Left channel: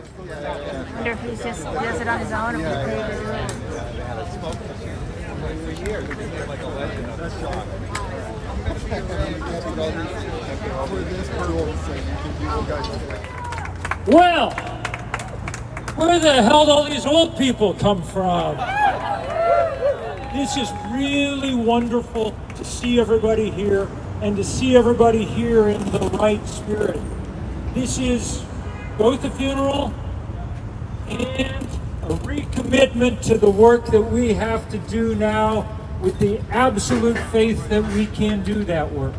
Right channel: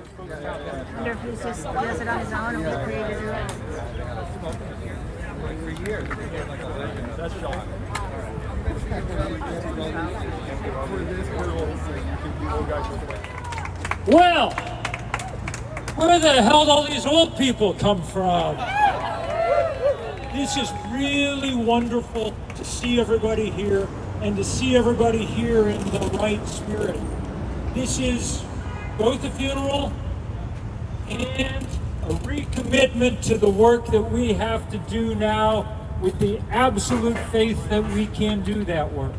wonder if he just does it on his own or if he For years, we did like 11 that's John. Well, where the hell do all these old people come from? This is really wonderful to see everybody here and to see everybody here in the right spirit. This is both a funeral and a recommitment to the work that we have to do now with the absolute faith that we can do that work.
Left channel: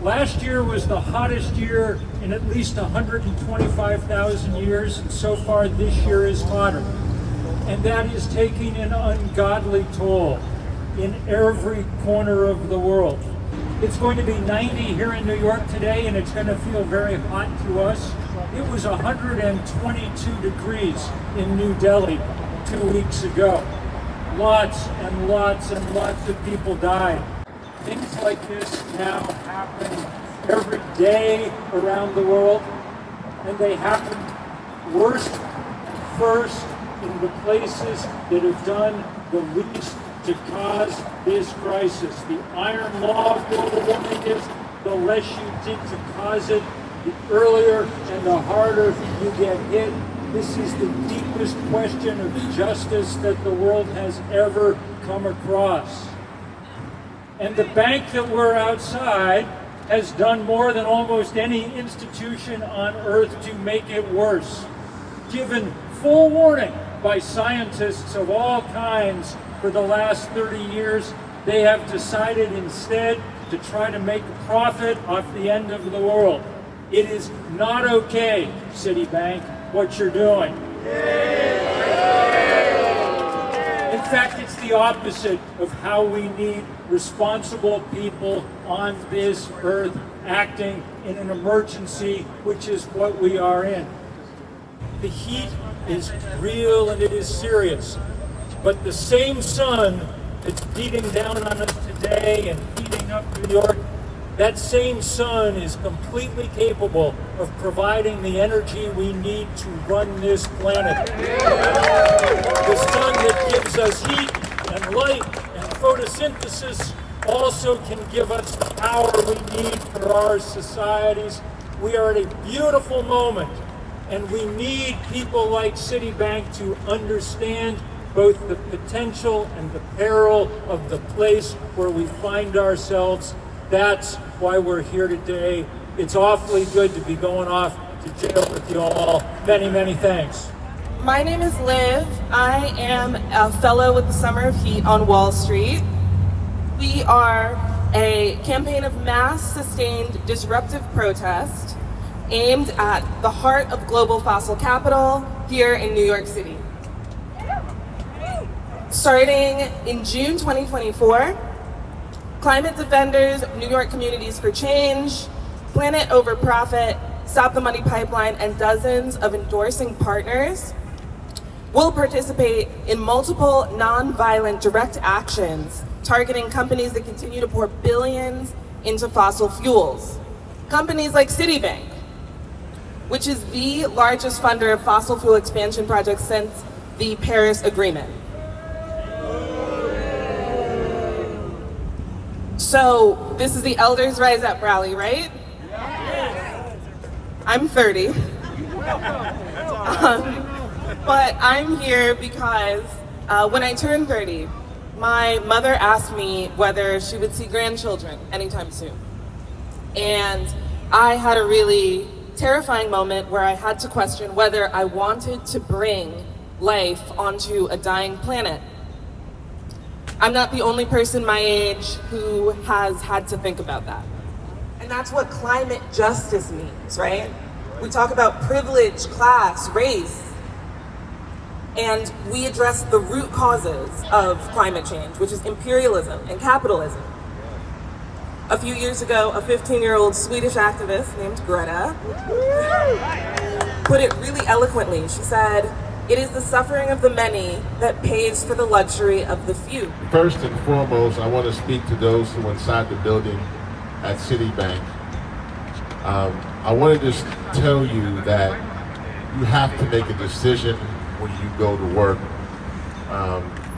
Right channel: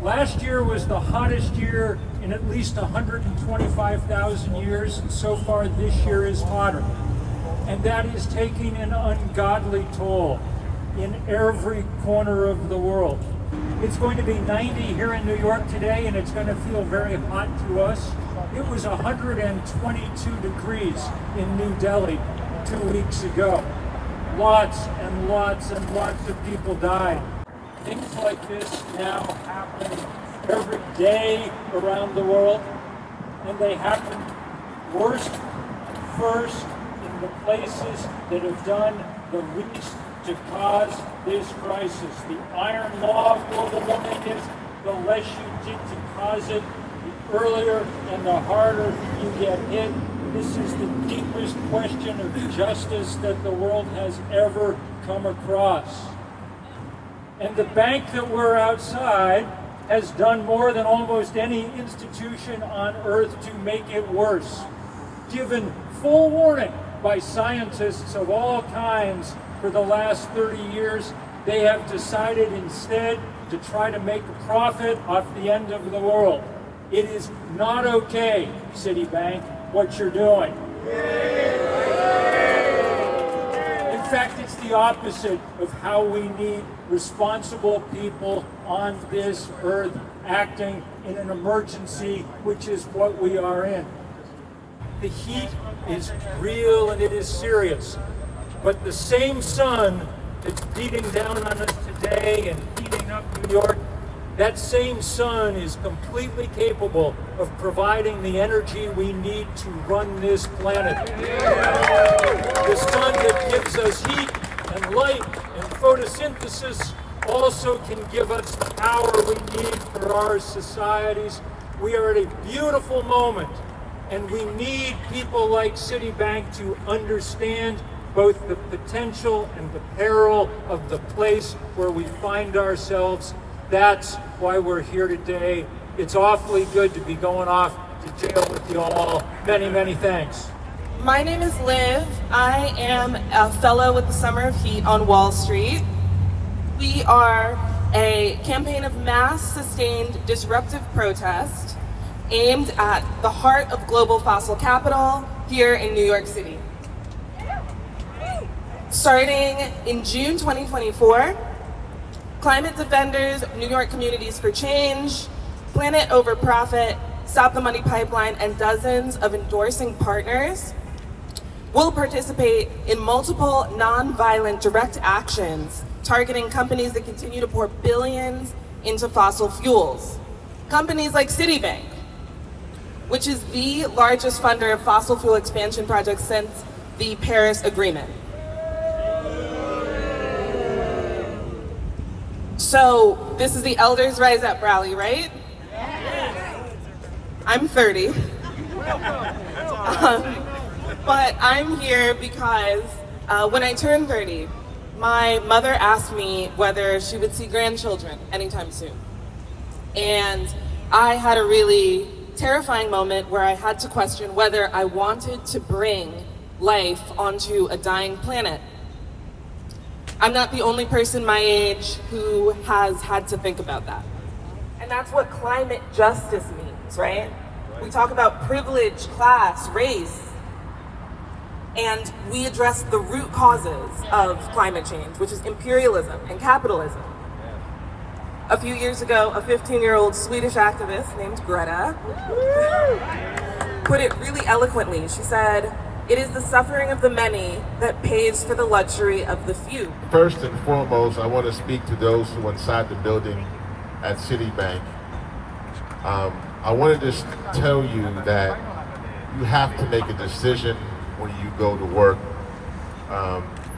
Last year was the hottest year in at least 125,000 years, and so far this year is hotter. And that is taking an ungodly toll in every corner of the world. It's going to be 90 here in New York today, and it's going to feel very hot to us. It was 122 degrees in New Delhi 2 weeks ago. Lots and lots and lots of people died. Things like this now happen every day around the world, and they happen worst and first in the places that have done the least to cause this crisis. The iron law of global warming is the less you did to cause it, the earlier and the harder you get hit. This is the deepest question of justice that the world has ever come across. And the bank that we're outside has done more than almost any institution on earth to make it worse. Given full warning by scientists of all kinds for the last 30 years, they have decided instead to try to make a profit off the end of the world. It is not okay, Citibank, what you're doing. In fact, it's the opposite of how we need responsible people on this earth acting in an emergency, which is what we are in. The heat is real and it is serious, but the same sun that's beating down on us today and heating up New York, that same sun is completely capable of providing the energy we need to run this planet. The sun that gives us heat and light and photosynthesis also can give us the power we need for our societies. We are at a beautiful moment, and we need people like Citibank to understand both the potential and the peril of the place where we find ourselves. That's why we're here today. It's awfully good to be going off to jail with you all. Many, many thanks. My name is Liv. I am a fellow with the Summer of Heat on Wall Street. We are a campaign of mass sustained disruptive protest aimed at the heart of global fossil capital here in New York City. Starting in June 2024, climate defenders, New York Communities for Change, Planet Over Profit, Stop the Money Pipeline, and dozens of endorsing partners will participate in multiple nonviolent direct actions targeting companies that continue to pour billions into fossil fuels. Companies like Citibank, which is the largest funder of fossil fuel expansion projects since the Paris Agreement. So this is the Elders Rise Up rally, right? I'm 30. But I'm here because when I turned 30, my mother asked me whether she would see grandchildren anytime soon. And I had a really terrifying moment where I had to question whether I wanted to bring life onto a dying planet. I'm not the only person my age who has had to think about that. And that's what climate justice means, right? We talk about privilege, class, race, and we address the root causes of climate change, which is imperialism and capitalism. A few years ago, a 15-year-old Swedish activist named Greta put it really eloquently. She said, "It is the suffering of the many that pays for the luxury of the few." First and foremost, I want to speak to those who are inside the building at Citibank. I want to just tell you that you have to make a decision when you go to work.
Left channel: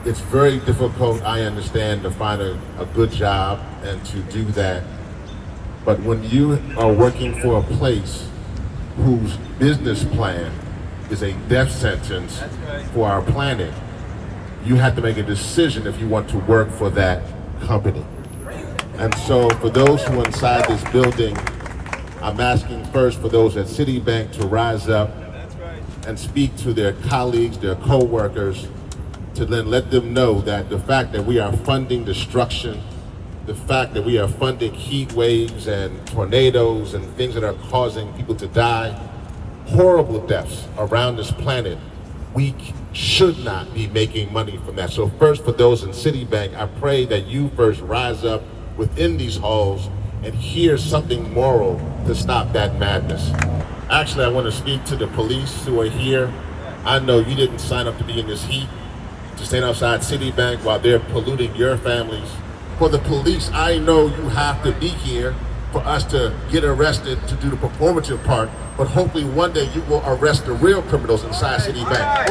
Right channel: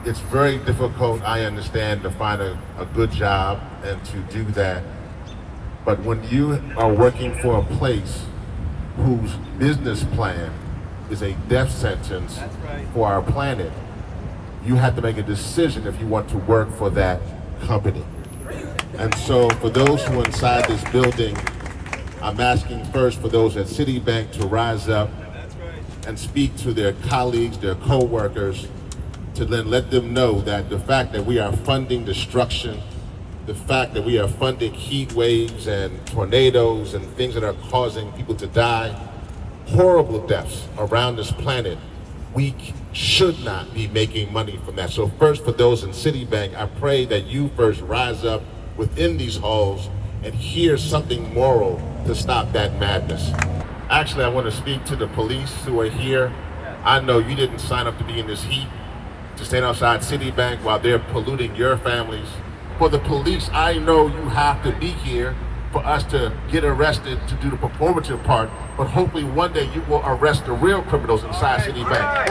It's very difficult, I understand, to find a good job and to do that. But when you are working for a place whose business plan is a death sentence for our planet, you have to make a decision if you want to work for that company. And so for those who are inside this building, I'm asking first for those at Citibank to rise up and speak to their colleagues, their co-workers, to then let them know that the fact that we are funding destruction, the fact that we are funding heat waves and tornadoes and things that are causing people to die, horrible deaths around this planet, we should not be making money from that. So first, for those in Citibank, I pray that you first rise up within these halls and hear something moral to stop that madness. Actually, I want to speak to the police who are here. I know you didn't sign up to be in this heat, to stand outside Citibank while they're polluting your families. For the police, I know you have to be here for us to get arrested to do the performative part, but hopefully one day you will arrest the real criminals inside Citibank.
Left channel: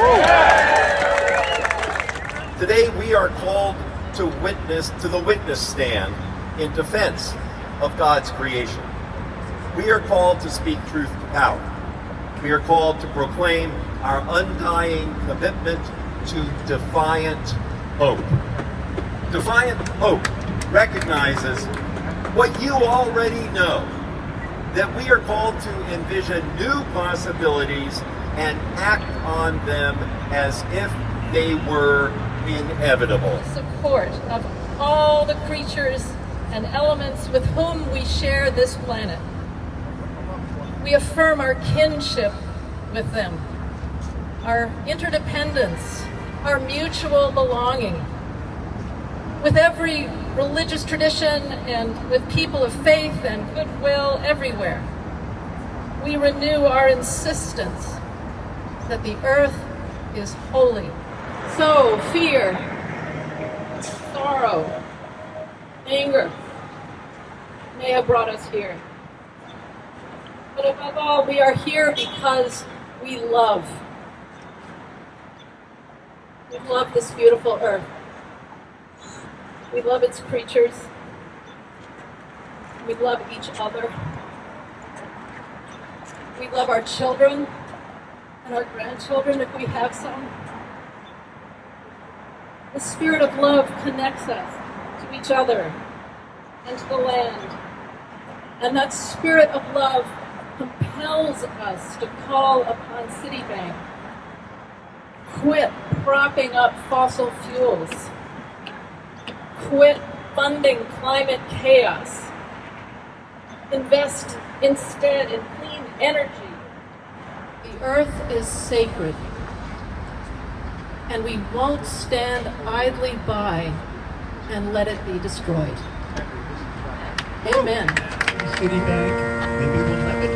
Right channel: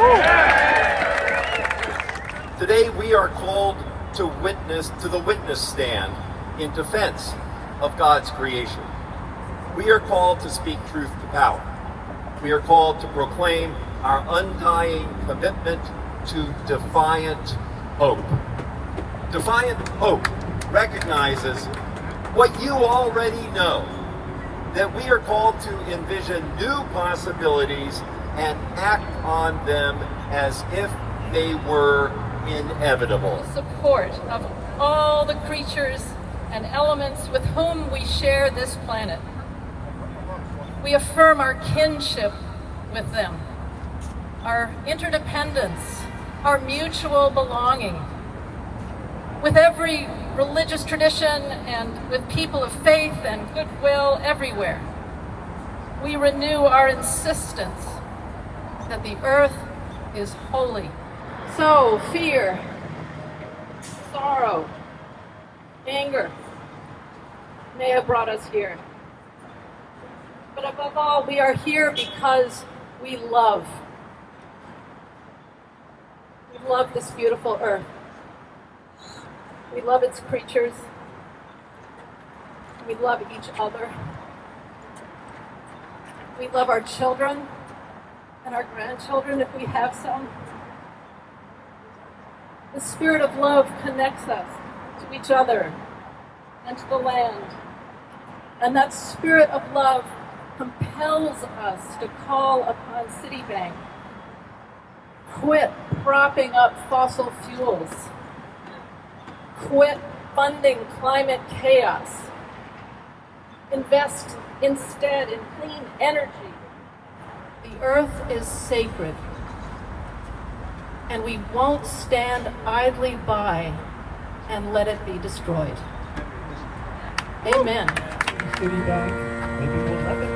Today we are called to witness to the witness stand in defense of God's creation. We are called to speak truth to power. We are called to proclaim our undying commitment to defiant hope. Defiant hope recognizes what you already know, that we are called to envision new possibilities and act on them as if they were inevitable. Support of all the creatures and elements with whom we share this planet. We affirm our kinship with them, our interdependence, our mutual belonging. With every religious tradition and with people of faith and goodwill everywhere, we renew our insistence that the earth is holy. So fear, sorrow, anger may have brought us here. But above all, we are here because we love. We love this beautiful earth. We love its creatures. We love each other. We love our children and our grandchildren if we have some. The spirit of love connects us to each other and to the land. And that spirit of love compels us to call upon Citibank. Quit propping up fossil fuels. Quit funding climate chaos. Invest instead in clean energy. The earth is sacred, and we won't stand idly by and let it be destroyed. Amen. Citibank, the people of it.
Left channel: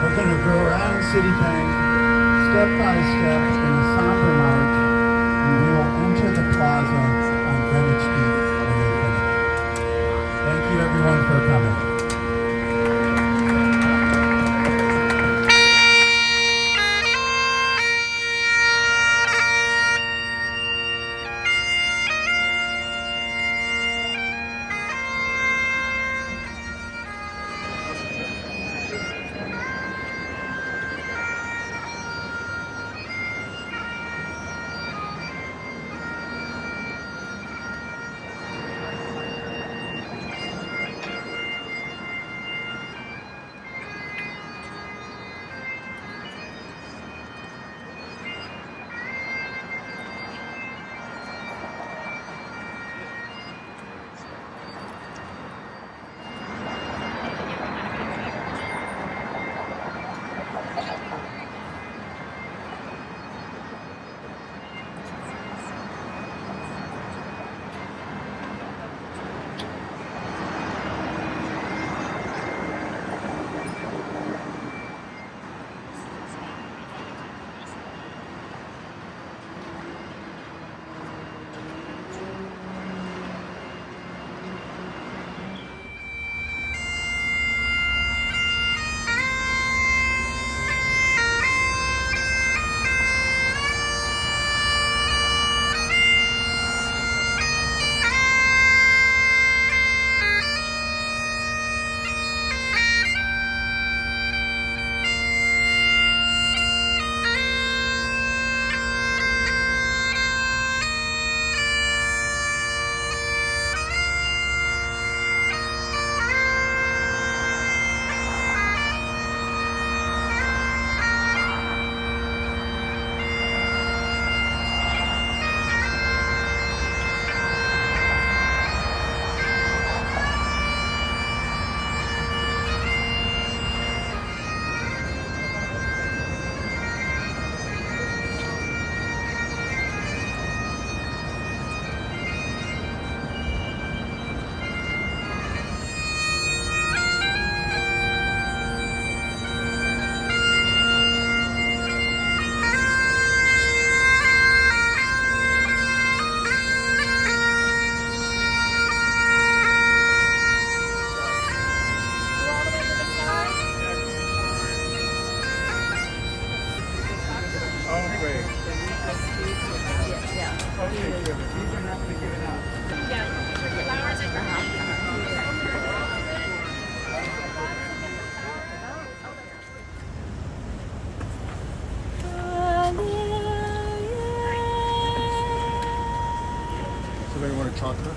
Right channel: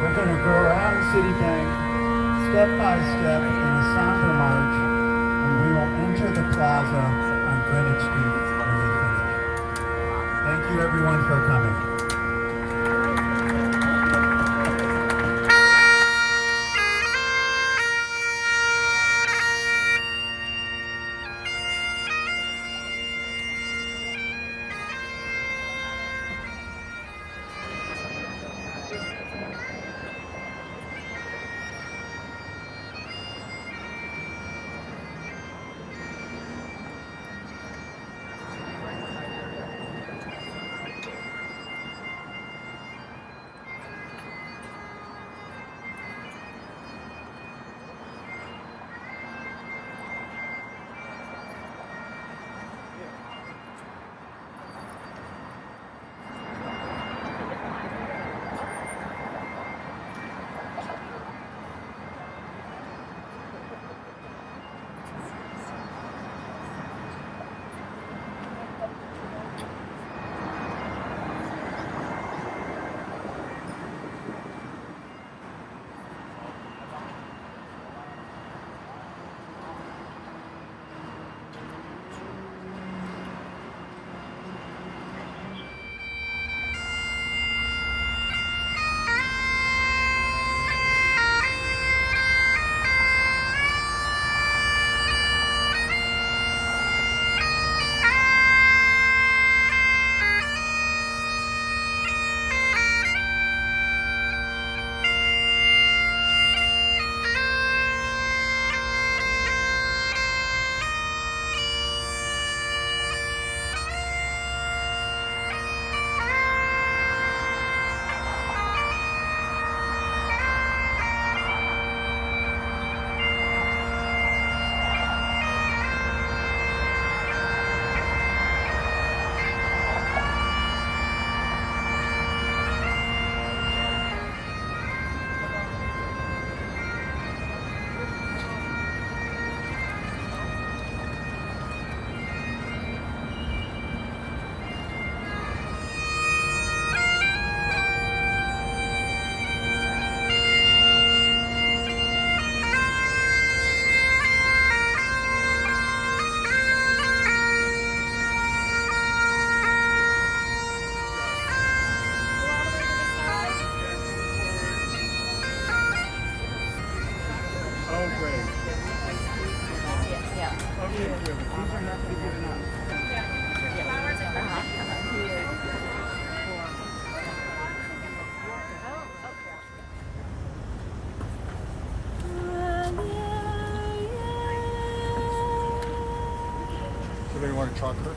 We're going to go around Citibank step by step in a somber march, and we will enter the plaza on Greenwich Street when we finish. Thank you everyone for coming. chocolate.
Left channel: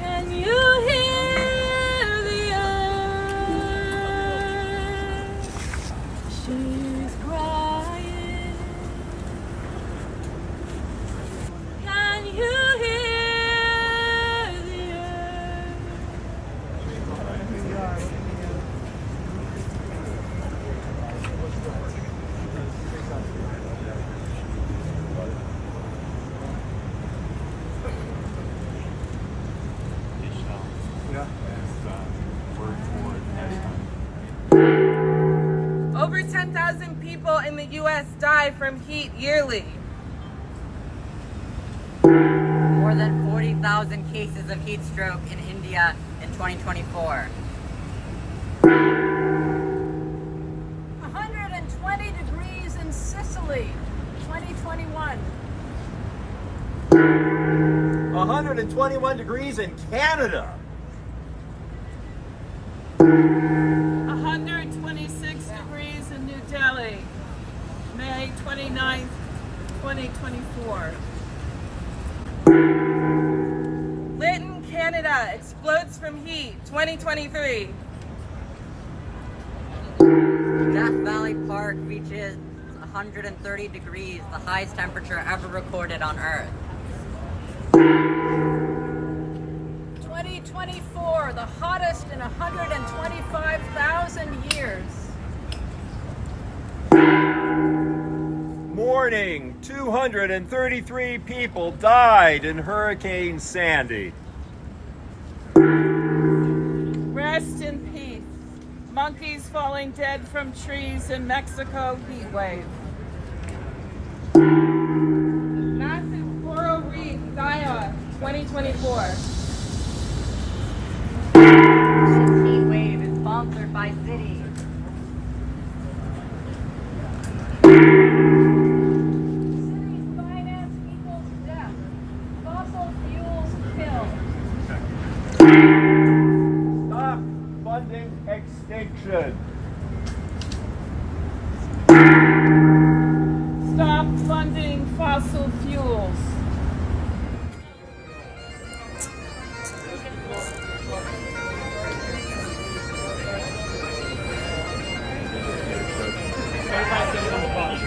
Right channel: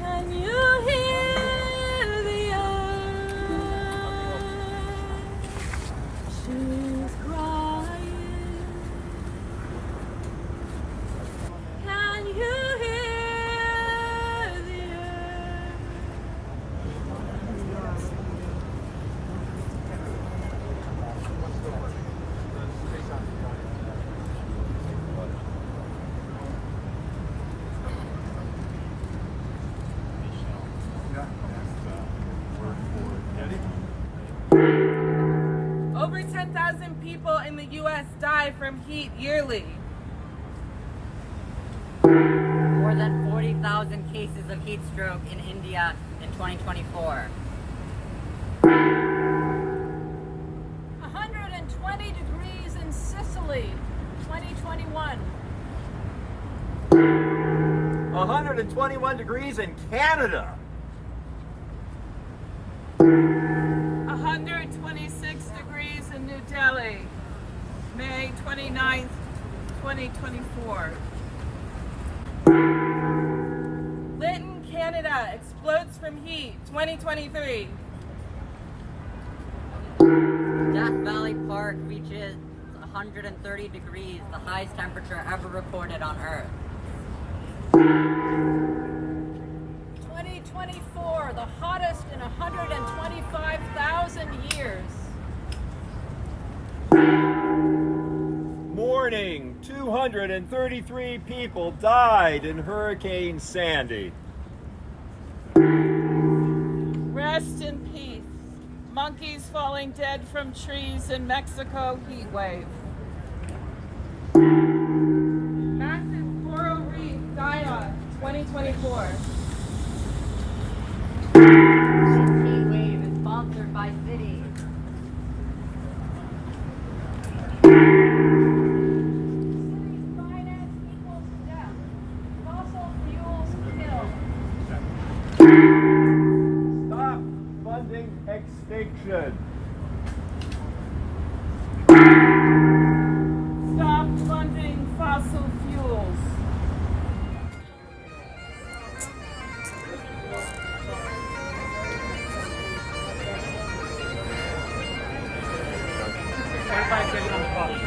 Can you hear the earth? She's crying. Can you hear the earth? Over 10,000 people in the U.S. die from heat yearly. More than 40,000 cases of heat stroke in India in 2024. 120 degrees in Sicily, 2021. 121 degrees in Canada. 126 degrees in New Delhi, May 29th, 2024. Lytton, Canada explodes from heat, 2023. Death Valley Park reaches 130 degrees, the highest temperature ever recorded on Earth. 2024, the hottest in 125,000 years. Morning, 233 people died in Hurricane Sandy. Rest in peace. Monkeys falling dead from trees in Mexico heat wave. Massive coral reef die-off, 2024. Heat wave is sponsored by cities. Finance equals death. Fossil fuels kill. Stop funding extinction. Stop funding fossil fuels. Everybody get on the bus.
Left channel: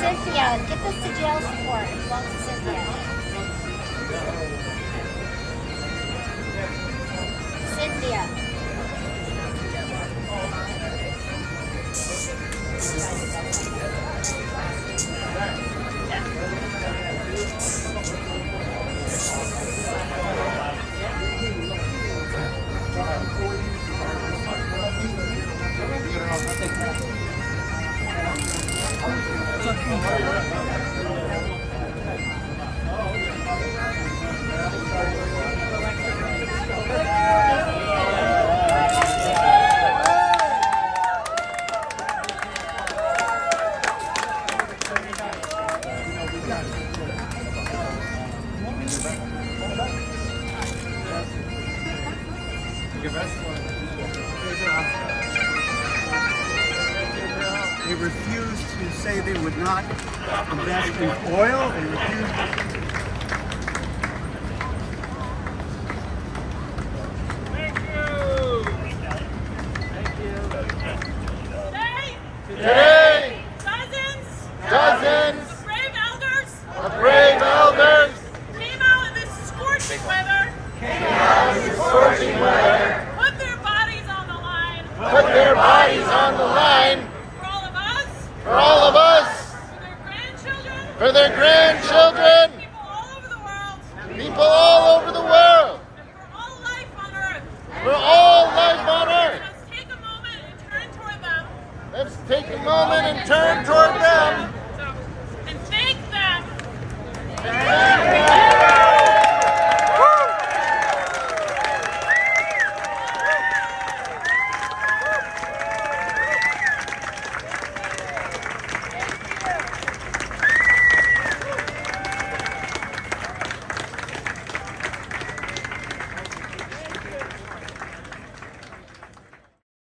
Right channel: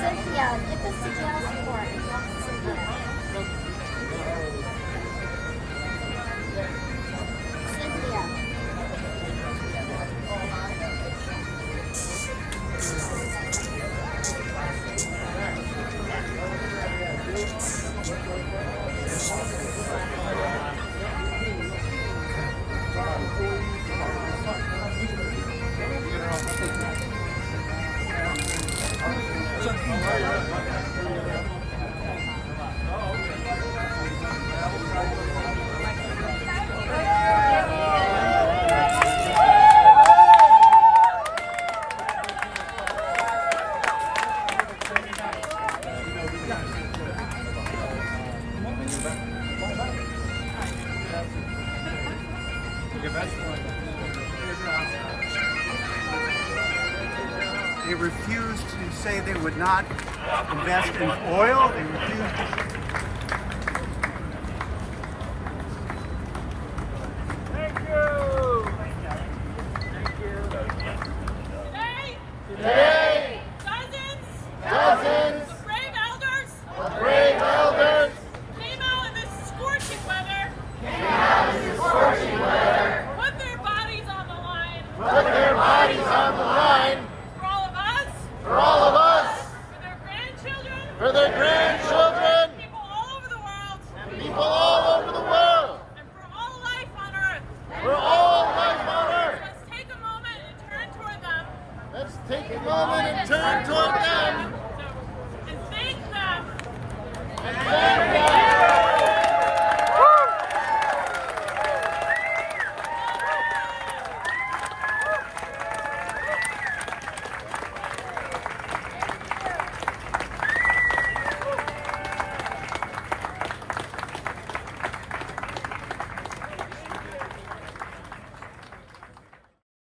Cynthia, get this to jail support. It belongs to Cynthia. Cynthia. They refused to say they would not invest in oil. They refused to